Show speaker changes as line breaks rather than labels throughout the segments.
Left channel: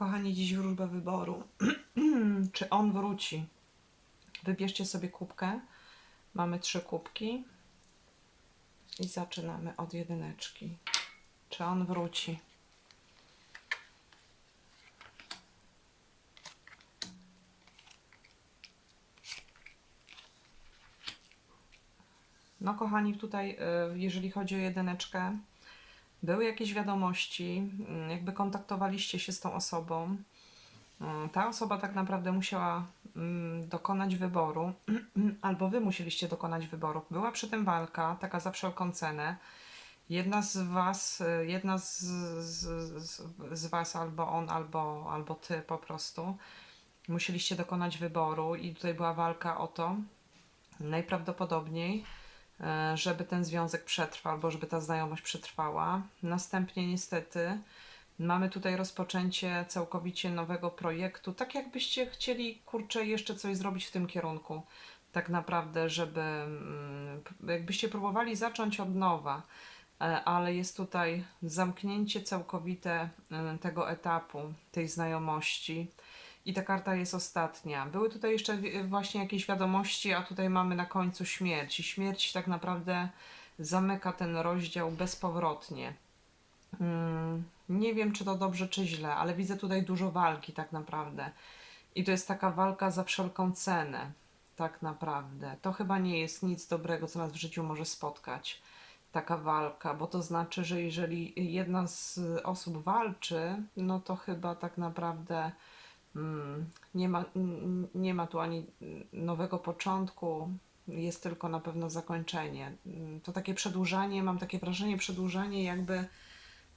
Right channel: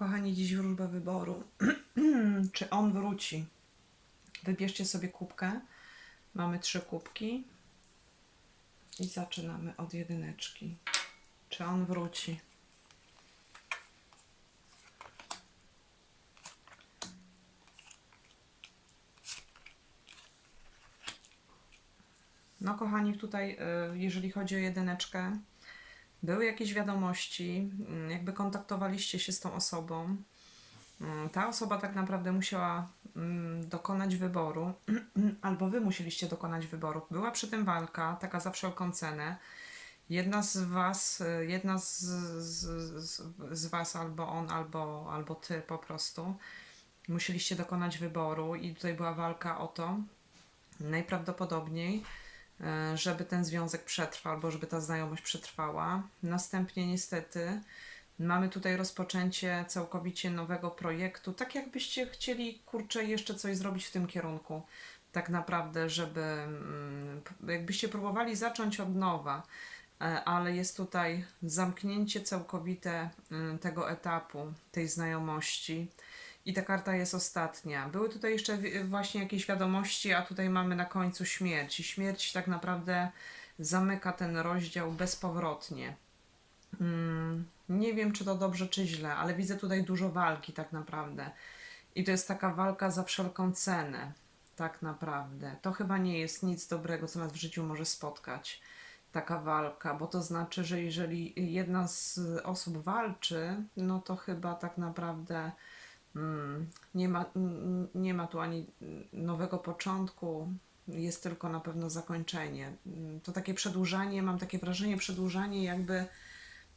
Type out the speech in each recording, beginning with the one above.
Kochani, dziś wróżba wyboru. Czy on wróci? Wybierzcie sobie kubkę. Mamy trzy kubki. I zaczynamy od jedyneczki. Czy on wróci? No, kochani, tutaj, y, jeżeli chodzi o jedyneczkę, były jakieś wiadomości, mm, jakby kontaktowaliście się z tą osobą. Mm, Ta osoba tak naprawdę musiała mm, dokonać wyboru, albo wy musieliście dokonać wyboru. Była przy tym walka, taka za wszelką cenę. Jedna z was, y, jedna z, z, z, was, albo on, albo, albo ty po prostu, musieliście dokonać wyboru i tutaj była walka o to, najprawdopodobniej, żeby ten związek przetrwał, albo żeby ta znajomość przetrwała. Następnie niestety mamy tutaj rozpoczęcie całkowicie nowego projektu, tak jakbyście chcieli, kurczę, jeszcze coś zrobić w tym kierunku. Tak naprawdę, żeby mm, jakbyście próbowali zacząć od nowa, e, ale jest tutaj zamknięcie całkowite mm, tego etapu, tej znajomości. I ta karta jest ostatnia. Były tutaj jeszcze właśnie jakieś wiadomości, a tutaj mamy na końcu śmierć. I śmierć tak naprawdę zamyka ten rozdział bezpowrotnie. Mm, nie wiem, czy to dobrze, czy źle, ale widzę tutaj dużo walki tak naprawdę. I to jest taka walka za wszelką cenę, tak naprawdę. To chyba nie jest nic dobrego, co nas w życiu może spotkać. Taka walka, bo to znaczy, że jeżeli jedna z osób walczy, no to chyba tak naprawdę nie ma, nie ma tu ani nowego początku, jest tylko na pewno zakończenie. Mm, To takie przedłużanie, mam takie wrażenie, przedłużanie jakby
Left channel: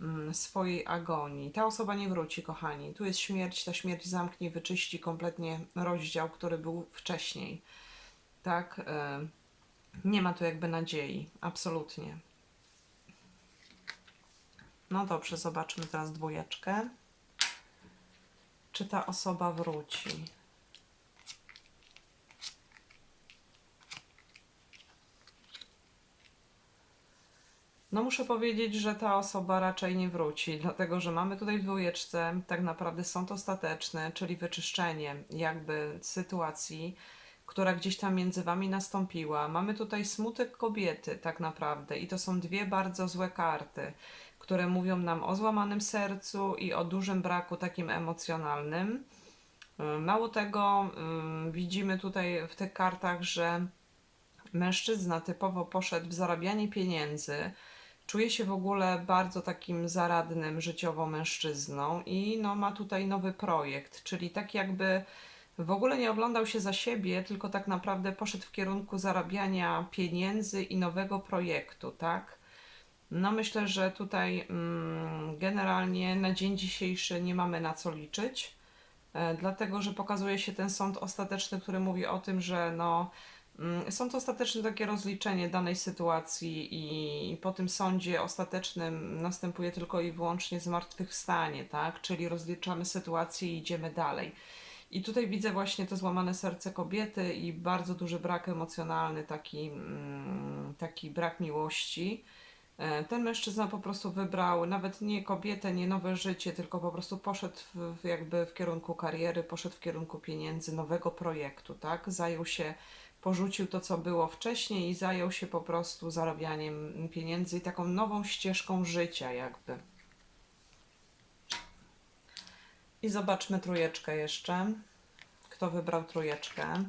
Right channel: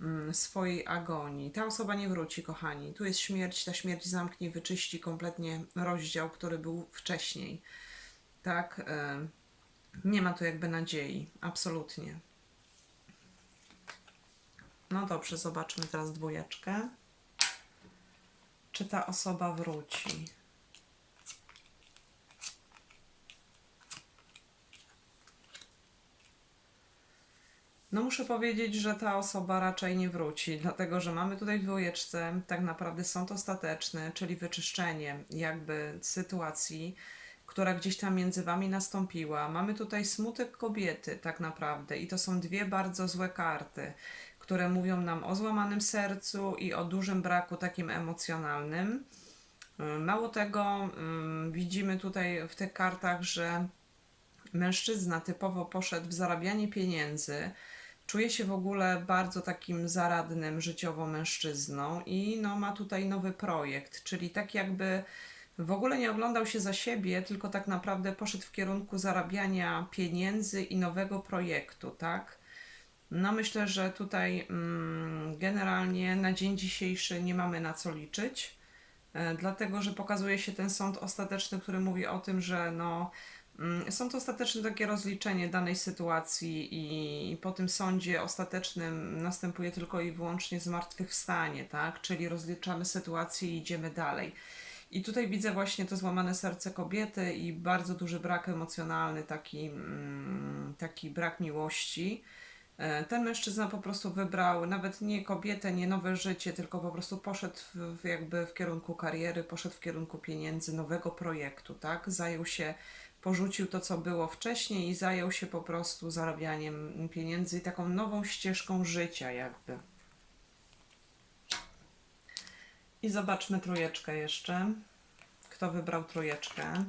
mm, swojej agonii. Ta osoba nie wróci, kochani. Tu jest śmierć, ta śmierć zamknie, wyczyści kompletnie rozdział, który był wcześniej. Tak? e, Nie ma tu jakby nadziei, absolutnie. No dobrze, zobaczmy teraz dwójeczkę czy ta osoba wróci. No muszę powiedzieć, że ta osoba raczej nie wróci, dlatego że mamy tutaj w dwójeczce tak naprawdę sąd ostateczny, czyli wyczyszczenie jakby sytuacji, która gdzieś tam między wami nastąpiła. Mamy tutaj smutek kobiety tak naprawdę i to są dwie bardzo złe karty, które mówią nam o złamanym sercu i o dużym braku takim emocjonalnym. Y, Mało tego, ym, widzimy tutaj w tych kartach, że mężczyzna typowo poszedł w zarabianie pieniędzy, czuje się w ogóle bardzo takim zaradnym życiowo mężczyzną i no, ma tutaj nowy projekt, czyli tak jakby w ogóle nie oglądał się za siebie, tylko tak naprawdę poszedł w kierunku zarabiania pieniędzy i nowego projektu, tak? No myślę, że tutaj mm, generalnie na dzień dzisiejszy nie mamy na co liczyć, e, dlatego że pokazuje się ten sąd ostateczny, który mówi o tym, że no, mm, sąd ostateczny takie rozliczenie danej sytuacji i po tym sądzie ostatecznym następuje tylko i wyłącznie zmartwychwstanie, tak? Czyli rozliczamy sytuację i idziemy dalej. I tutaj widzę właśnie to złamane serce kobiety i bardzo duży brak emocjonalny, taki, mm, taki brak miłości. E, Ten mężczyzna po prostu wybrał nawet nie kobietę, nie nowe życie, tylko po prostu poszedł w, jakby w kierunku kariery, poszedł w kierunku pieniędzy, nowego projektu, tak? Zajął się, porzucił to, co było wcześniej i zajął się po prostu zarabianiem pieniędzy i taką nową ścieżką życia jakby. I zobaczmy trójeczkę jeszcze. Kto wybrał trójeczkę?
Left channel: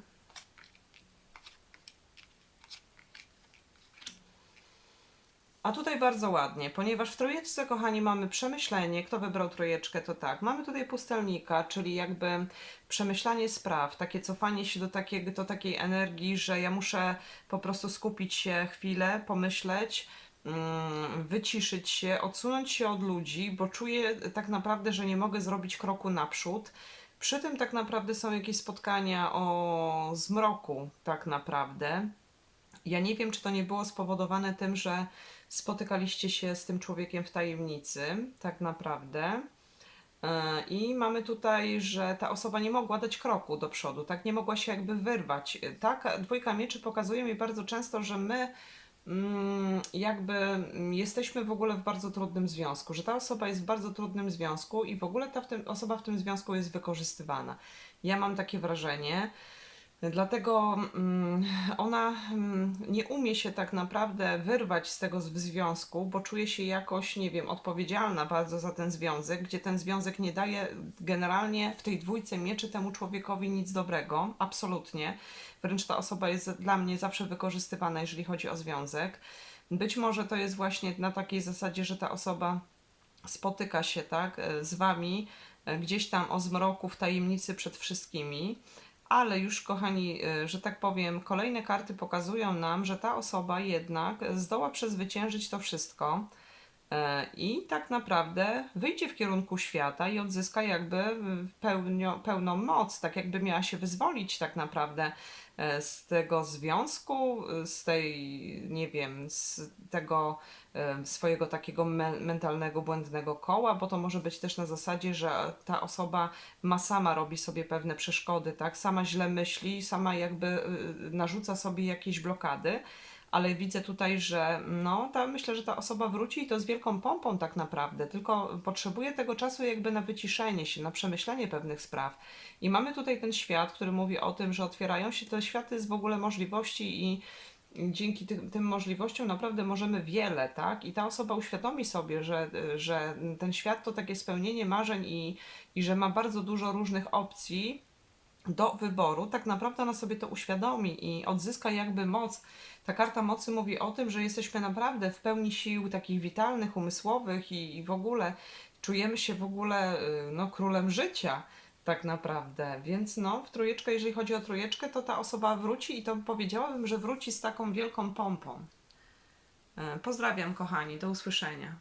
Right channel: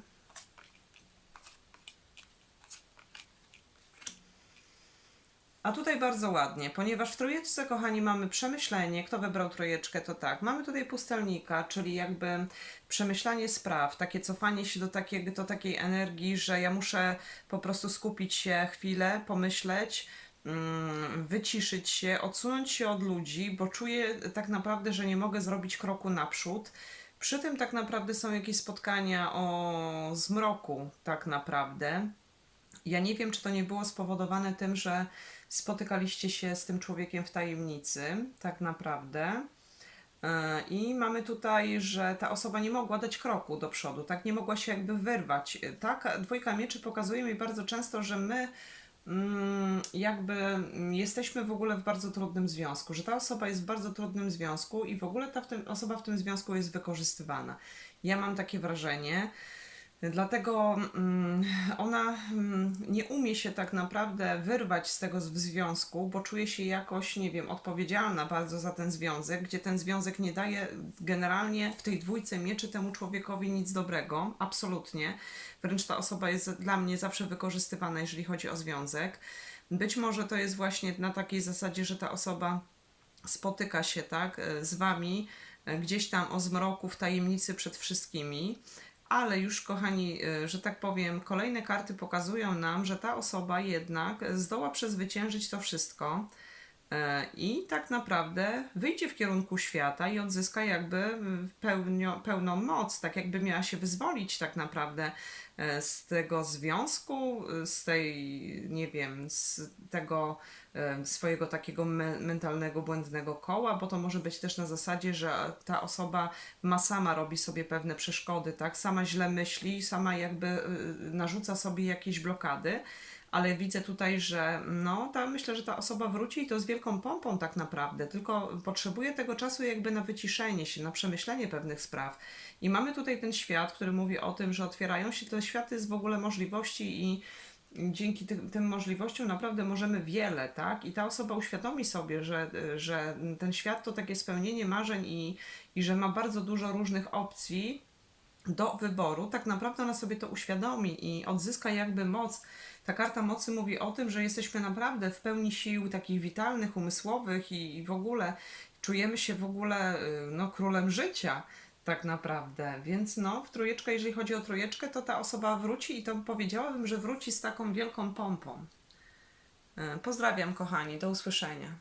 A tutaj bardzo ładnie, ponieważ w trójeczce, kochani, mamy przemyślenie. Kto wybrał trójeczkę, to tak. Mamy tutaj pustelnika, czyli jakby przemyślanie spraw, takie cofanie się do, takiego, do takiej energii, że ja muszę po prostu skupić się chwilę, pomyśleć, mm, wyciszyć się, odsunąć się od ludzi, bo czuję tak naprawdę, że nie mogę zrobić kroku naprzód. Przy tym tak naprawdę są jakieś spotkania o zmroku, tak naprawdę. Ja nie wiem, czy to nie było spowodowane tym, że spotykaliście się z tym człowiekiem w tajemnicy, tak naprawdę. E, I mamy tutaj, że ta osoba nie mogła dać kroku do przodu, tak nie mogła się jakby wyrwać. E, Tak, dwójka mieczy pokazuje mi bardzo często, że my mm, jakby jesteśmy w ogóle w bardzo trudnym związku, że ta osoba jest w bardzo trudnym związku i w ogóle ta w tym, osoba w tym związku jest wykorzystywana. Ja mam takie wrażenie. Dlatego mm, ona mm, nie umie się tak naprawdę wyrwać z tego związku, bo czuje się jakoś, nie wiem, odpowiedzialna bardzo za ten związek, gdzie ten związek nie daje generalnie w tej dwójce mieczy temu człowiekowi nic dobrego, absolutnie. Wręcz ta osoba jest dla mnie zawsze wykorzystywana, jeżeli chodzi o związek. Być może to jest właśnie na takiej zasadzie, że ta osoba spotyka się tak z wami e, gdzieś tam o zmroku w tajemnicy przed wszystkimi, ale już kochani, e, że tak powiem, kolejne karty pokazują nam, że ta osoba jednak zdoła przezwyciężyć to wszystko i tak naprawdę wyjdzie w kierunku świata i odzyska jakby e, pełnio, pełną moc, tak jakby miała się wyzwolić tak naprawdę e, z tego związku, e, z tej, nie wiem, z tego e, swojego takiego me- mentalnego, błędnego koła, bo to może być też na zasadzie, że ta osoba ma sama robi sobie pewne przeszkody, tak? Sama źle myśli, sama jakby narzuca sobie jakieś blokady, ale widzę tutaj, że no, ta, myślę, że ta osoba wróci i to z wielką pompą tak naprawdę, tylko potrzebuje tego czasu jakby na wyciszenie się, na przemyślenie pewnych spraw. I mamy tutaj ten świat, który mówi o tym, że otwierają się te światy z w ogóle możliwości i dzięki tym, tym możliwościom naprawdę możemy wiele, tak? I ta osoba uświadomi sobie, że, że ten świat to takie spełnienie marzeń i, i że ma bardzo dużo różnych opcji do wyboru, tak naprawdę ona sobie to uświadomi i odzyska jakby moc. Ta karta mocy mówi o tym, że jesteśmy naprawdę w pełni sił takich witalnych, umysłowych i, i w ogóle czujemy się w ogóle y, no, królem życia tak naprawdę. Więc no, w trójeczkę, jeżeli chodzi o trójeczkę, to ta osoba wróci i to powiedziałabym, że wróci z taką wielką pompą. E, Pozdrawiam kochani, do usłyszenia.